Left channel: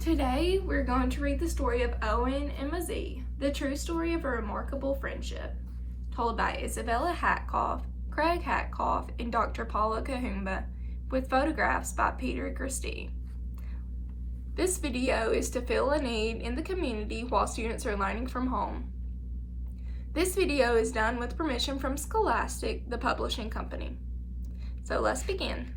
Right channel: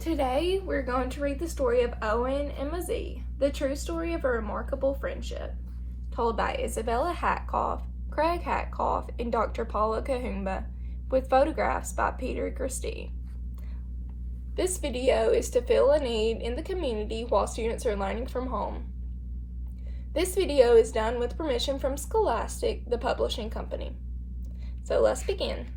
Today, we're going to read the story of Owen and Mzee, the true story of a remarkable friendship, told by Isabella Hatkoff, Craig Hatkoff, and Dr. Paula Kahumba, with photographs by Peter Christie. This video is to fill a need in the community while students are learning from home. This video is done with permission from Scholastic, the publishing company. So let's begin.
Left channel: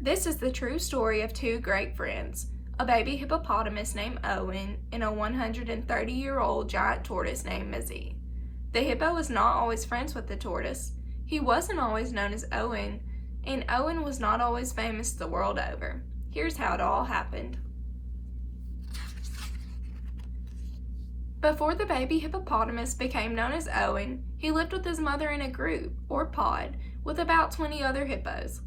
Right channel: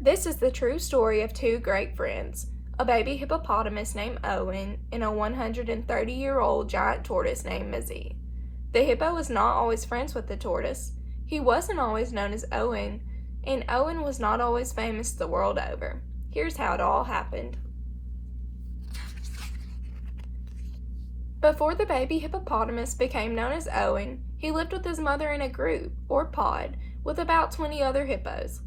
This is the true story of two great friends, a baby hippopotamus named Owen and a 130-year-old giant tortoise named Mzee. The hippo was not always friends with the tortoise. He wasn't always known as Owen, and Owen was not always famous the world over. Here's how it all happened. Before the baby hippopotamus became known as Owen, he lived with his mother in a group, or pod, with about 20 other hippos.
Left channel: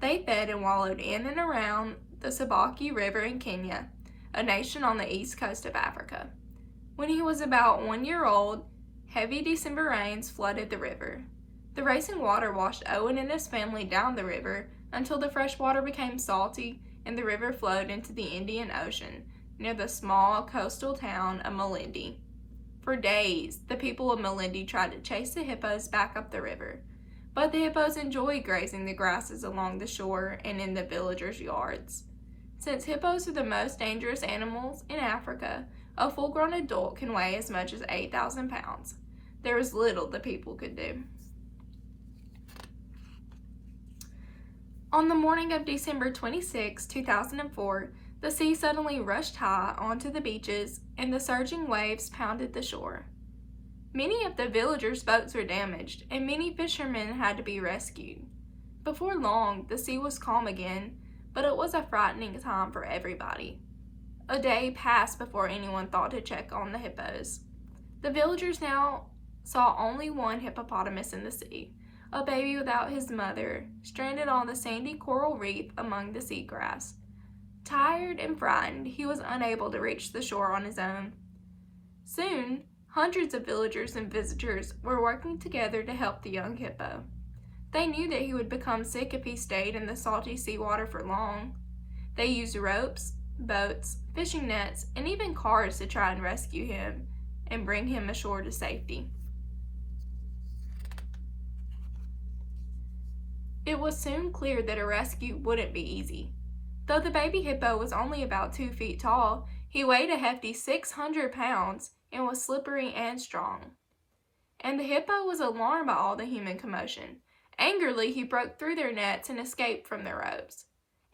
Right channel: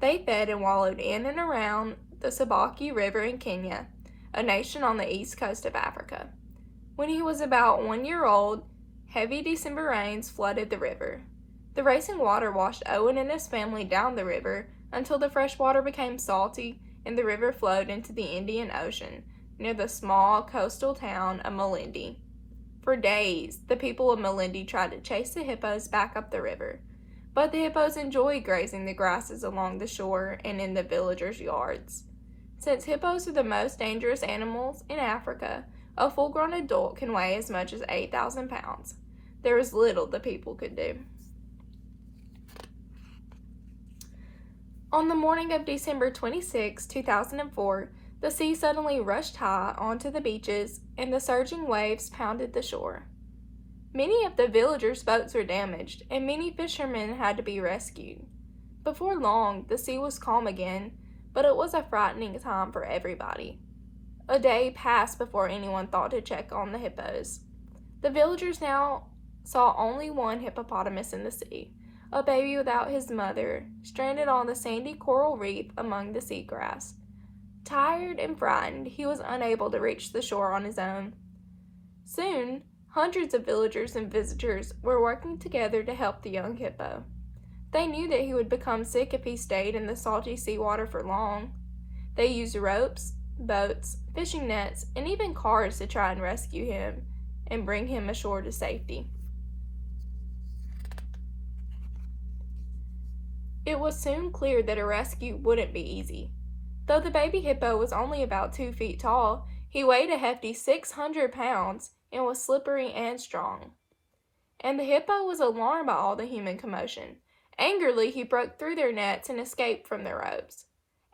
They fed and wallowed in and around the Sabaki River in Kenya, a nation on the east coast of Africa. When he was about 1 year old, heavy December rains flooded the river. The racing water washed Owen and his family down the river until the fresh water became salty and the river flowed into the Indian Ocean near the small coastal town of Malindi. For days, the people of Malindi tried to chase the hippos back up the river. But the hippos enjoyed grazing the grasses along the shore and in the villagers' yards. Since hippos are the most dangerous animals in Africa, a full-grown adult can weigh as much as 8,000 pounds. There was little the people could do. On the morning of December 26, 2004, the sea suddenly rushed high onto the beaches and the surging waves pounded the shore. Many of the villagers' boats were damaged, and many fishermen had to be rescued. Before long, the sea was calm again, but it was a frightening time for everybody. A day passed before anyone thought to check on the hippos. The villagers now saw only one hippopotamus in the sea, a baby without his mother, stranded on the sandy coral reef among the seagrass. Tired and frightened, he was unable to reach the shore on his own. Soon, hundreds of villagers and visitors were working together to help the young hippo. They knew that he would become sick if he stayed in the salty seawater for long. They used ropes, boats, fishing nets, and even cars to try and rescue him and bring him ashore to safety. It was soon clear that a rescue wouldn't be easy. Though the baby hippo was only about 2 feet tall, he weighed a hefty 600 pounds and was slippery and strong. And the hippo was alarmed by all the human commotion. Angrily, he broke through their nets and escaped from their ropes.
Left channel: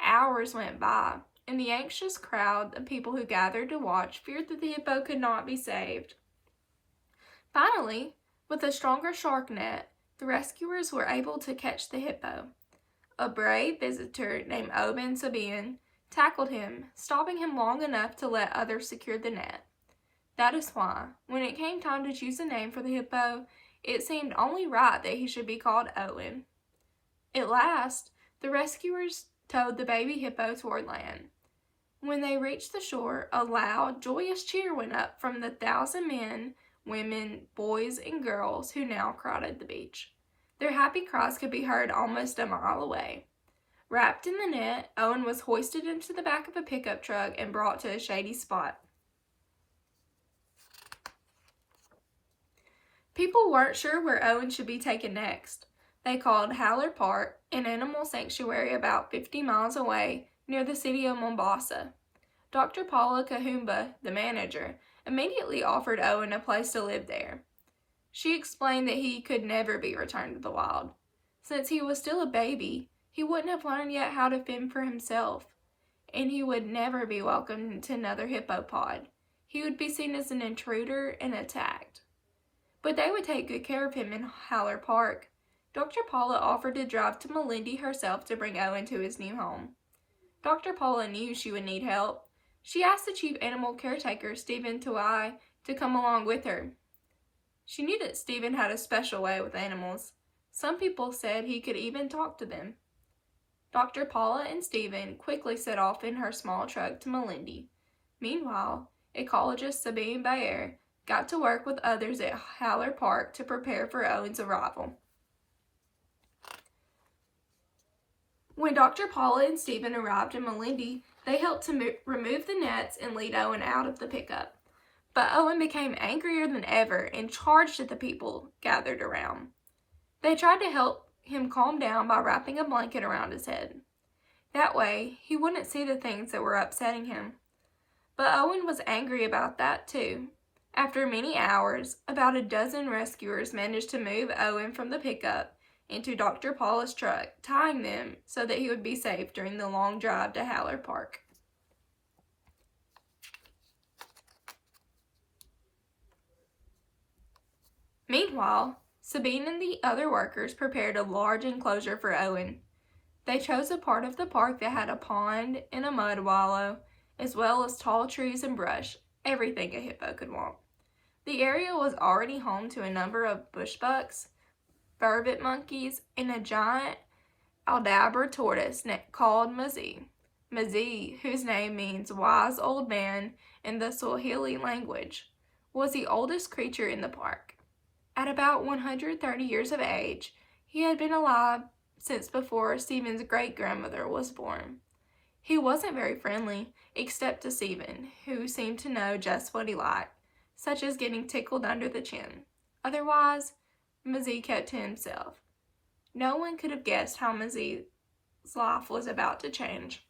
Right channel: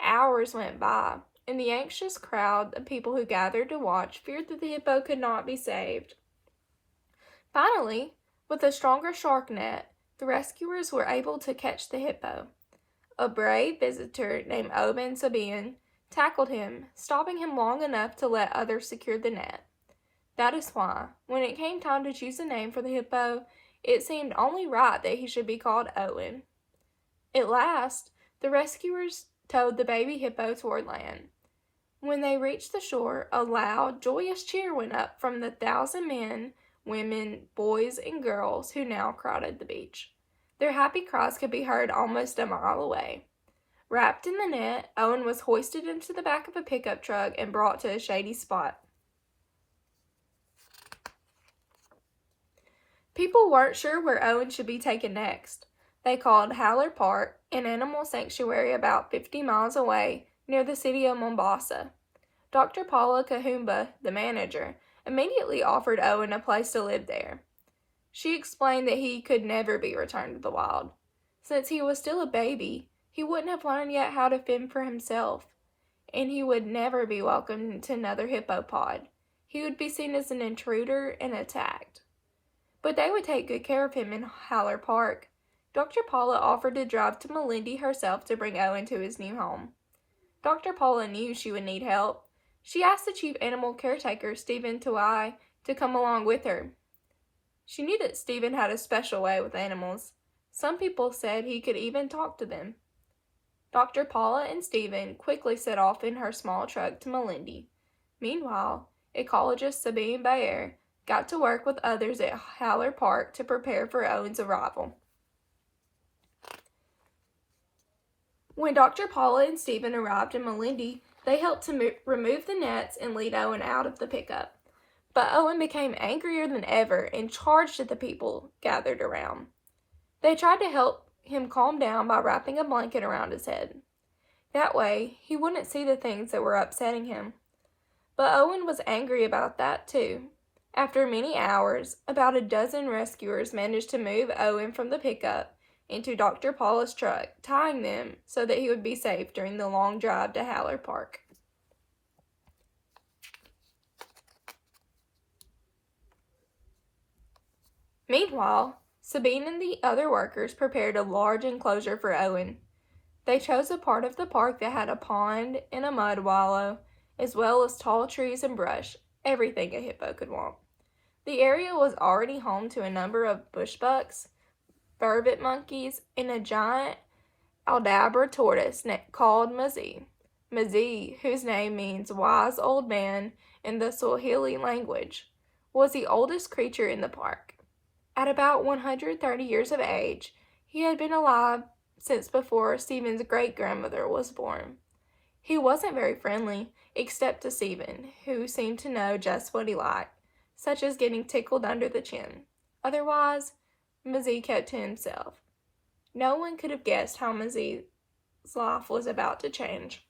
Hours went by, and the anxious crowd of people who gathered to watch feared that the hippo could not be saved. Finally, with a stronger shark net, the rescuers were able to catch the hippo. A brave visitor named Owen Mzee tackled him, stopping him long enough to let others secure the net. That is why, when it came time to choose a name for the hippo, it seemed only right that he should be called Owen. At last, the rescuers towed the baby hippo toward land. When they reached the shore, a loud, joyous cheer went up from the 1,000 men, women, boys, and girls who now crowded the beach. Their happy cries could be heard almost a mile away. Wrapped in the net, Owen was hoisted into the back of a pickup truck and brought to a shady spot. People weren't sure where Owen should be taken next. They called Haller Park, an animal sanctuary about 50 miles away near the city of Mombasa. Dr. Paula Kahumba, the manager, immediately offered Owen a place to live there. She explained that he could never be returned to the wild. Since he was still a baby, he wouldn't have learned yet how to fend for himself, and he would never be welcomed to another hippopod. He would be seen as an intruder and attacked. But they would take good care of him in Haller Park. Dr. Paula offered to drive to Malindi herself to bring Owen to his new home. Dr. Paula knew she would need help. She asked the chief animal caretaker, Stephen Tuai, to come along with her. She knew that Stephen had a special way with animals. Some people said he could even talk to them. Dr. Paula and Stephen quickly set off in her small truck to Malindi. Meanwhile, ecologist Sabine Bayer got to work with others at Haller Park to prepare for Owen's arrival. When Dr. Paula and Stephen arrived in Melindy, they helped to remove the nets and lead Owen out of the pickup. But Owen became angrier than ever and charged at the people gathered around. They tried to help him calm down by wrapping a blanket around his head. That way, he wouldn't see the things that were upsetting him. But Owen was angry about that too. After many hours, about a dozen rescuers managed to move Owen from the pickup into Dr. Paula's truck, tying them so that he would be safe during the long drive to Haller Park. Meanwhile, Sabine and the other workers prepared a large enclosure for Owen. They chose a part of the park that had a pond and a mud wallow, as well as tall trees and brush, everything a hippo could want. The area was already home to a number of bushbucks, vervet monkeys, and a giant Aldabra tortoise called Mzee. Mzee, whose name means wise old man in the Swahili language, was the oldest creature in the park. At about 130 years of age, he had been alive since before Stephen's great-grandmother was born. He wasn't very friendly, except to Stephen, who seemed to know just what he liked, such as getting tickled under the chin. Otherwise, Mzee kept to himself. No one could have guessed how Mzee's life was about to change.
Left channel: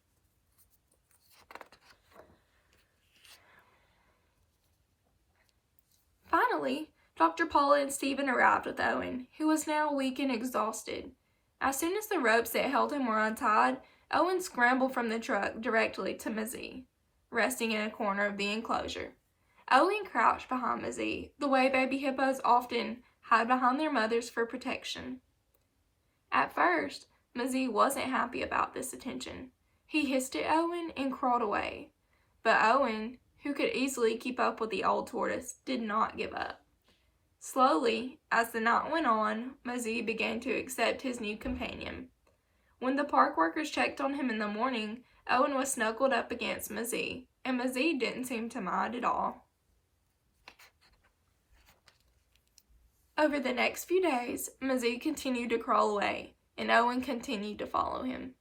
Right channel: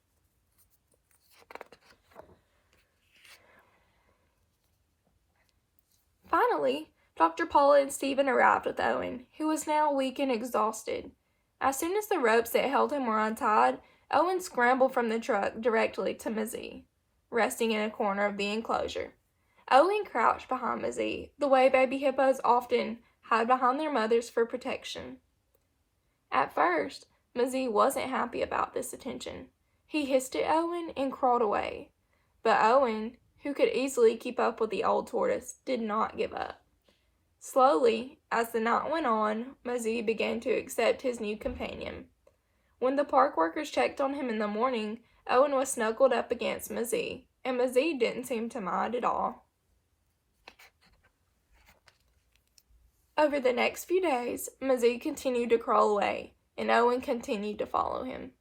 Finally, Dr. Paula and Stephen arrived with Owen, who was now weak and exhausted. As soon as the ropes that held him were untied, Owen scrambled from the truck directly to Mzee, resting in a corner of the enclosure. Owen crouched behind Mzee, the way baby hippos often hide behind their mothers for protection. At first, Mzee wasn't happy about this attention. He hissed at Owen and crawled away. But Owen, who could easily keep up with the old tortoise, did not give up. Slowly, as the night went on, Mzee began to accept his new companion. When the park workers checked on him in the morning, Owen was snuggled up against Mzee, and Mzee didn't seem to mind at all. Over the next few days, Mzee continued to crawl away, and Owen continued to follow him.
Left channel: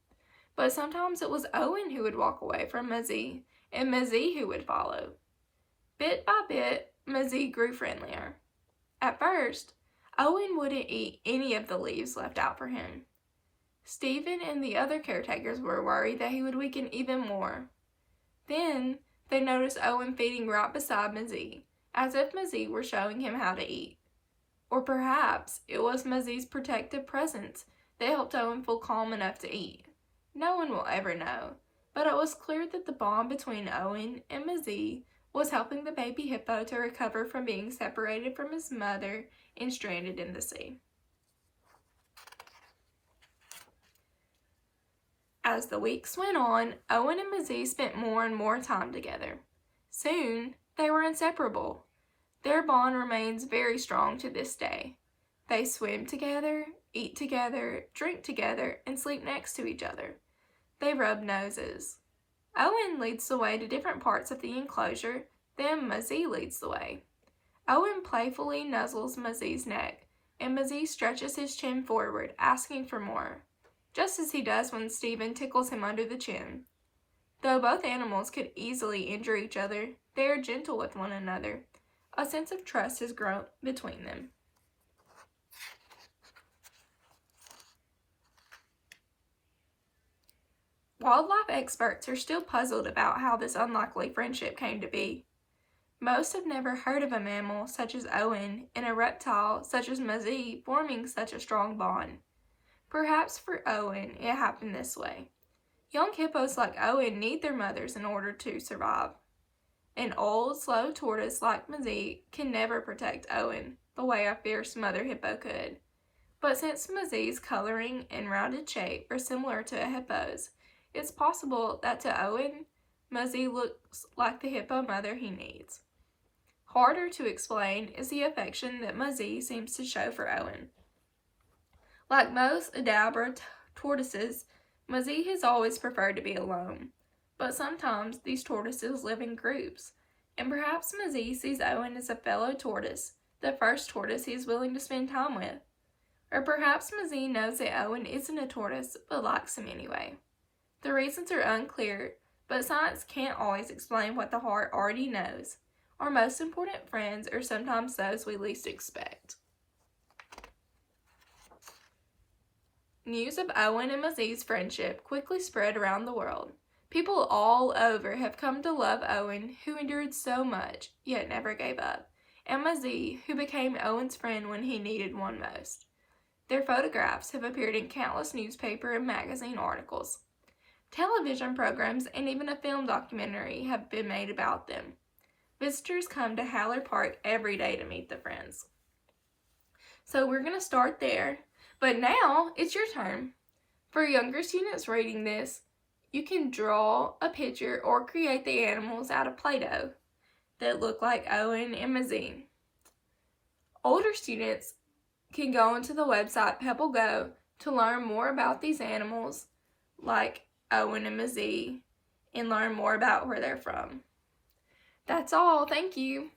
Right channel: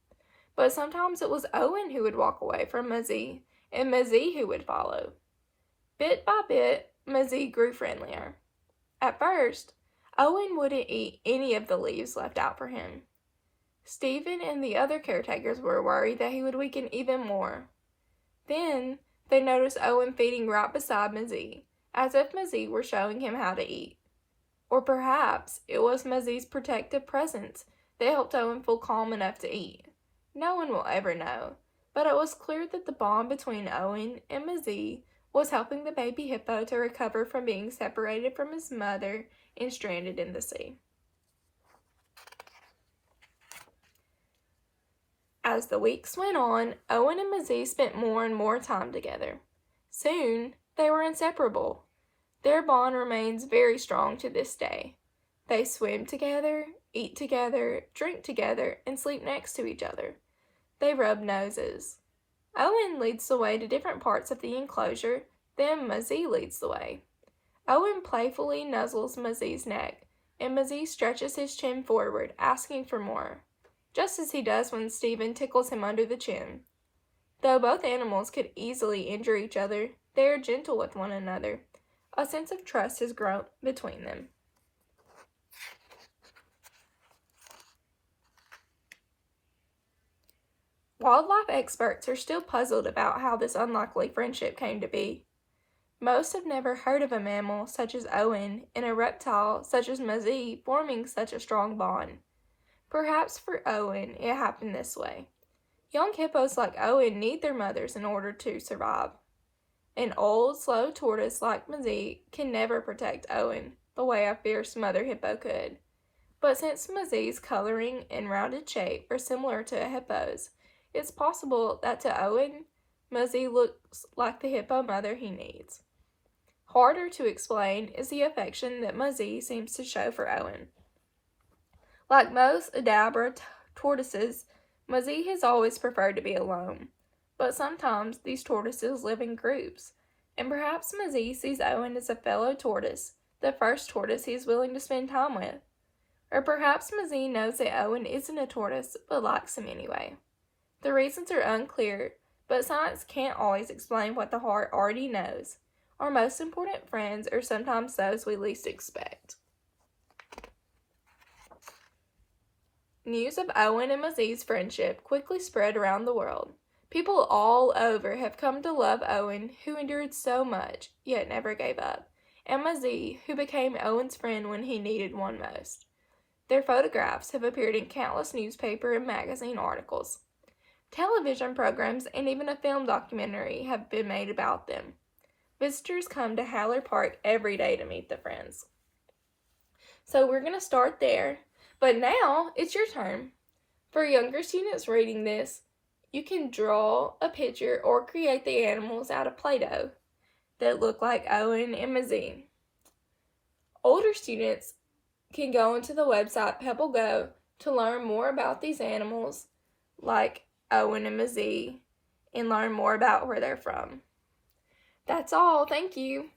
But sometimes it was Owen who would walk away from Mzee, and Mzee who would follow. Bit by bit, Mzee grew friendlier. At first, Owen wouldn't eat any of the leaves left out for him. Stephen and the other caretakers were worried that he would weaken even more. Then, they noticed Owen feeding right beside Mzee, as if Mzee were showing him how to eat. Or perhaps it was Mzee's protective presence that helped Owen feel calm enough to eat. No one will ever know, but it was clear that the bond between Owen and Mzee was helping the baby hippo to recover from being separated from his mother and stranded in the sea. As the weeks went on, Owen and Mzee spent more and more time together. Soon, they were inseparable. Their bond remains very strong to this day. They swim together, eat together, drink together, and sleep next to each other. They rub noses. Owen leads the way to different parts of the enclosure, then Mzee leads the way. Owen playfully nuzzles Mzee's neck, and Mzee stretches his chin forward, asking for more, just as he does when Stephen tickles him under the chin. Though both animals could easily injure each other, they are gentle with one another. A sense of trust has grown between them. Wildlife experts are still puzzled about how this unlikely friendship came to be. Most have never heard of a mammal such as Owen and a reptile such as Mzee forming such a strong bond. Perhaps for Owen, it happened this way. Young hippos like Owen need their mothers in order to survive. An old, slow tortoise like Mzee can never protect Owen the way a fierce mother hippo could. But since Mzee's coloring and rounded shape are similar to a hippo's, it's possible that to Owen, Mzee looks like the hippo mother he needs. Harder to explain is the affection that Mzee seems to show for Owen. Like most Aldabra tortoises, Mzee has always preferred to be alone. But sometimes these tortoises live in groups. And perhaps Mzee sees Owen as a fellow tortoise, the first tortoise he is willing to spend time with. Or perhaps Mzee knows that Owen isn't a tortoise, but likes him anyway. The reasons are unclear, but science can't always explain what the heart already knows. Our most important friends are sometimes those we least expect. News of Owen and Mzee's friendship quickly spread around the world. People all over have come to love Owen, who endured so much, yet never gave up, and Mzee, who became Owen's friend when he needed one most. Their photographs have appeared in countless newspaper and magazine articles. Television programs and even a film documentary have been made about them. Visitors come to Haller Park every day to meet the friends. So we're going to start there, but now it's your turn. For younger students reading this, you can draw a picture or create the animals out of Play-Doh that look like Owen and Mzee. Older students can go onto the website Pebble Go to learn more about these animals like Owen and Mzee and learn more about where they're from. That's all. Thank you.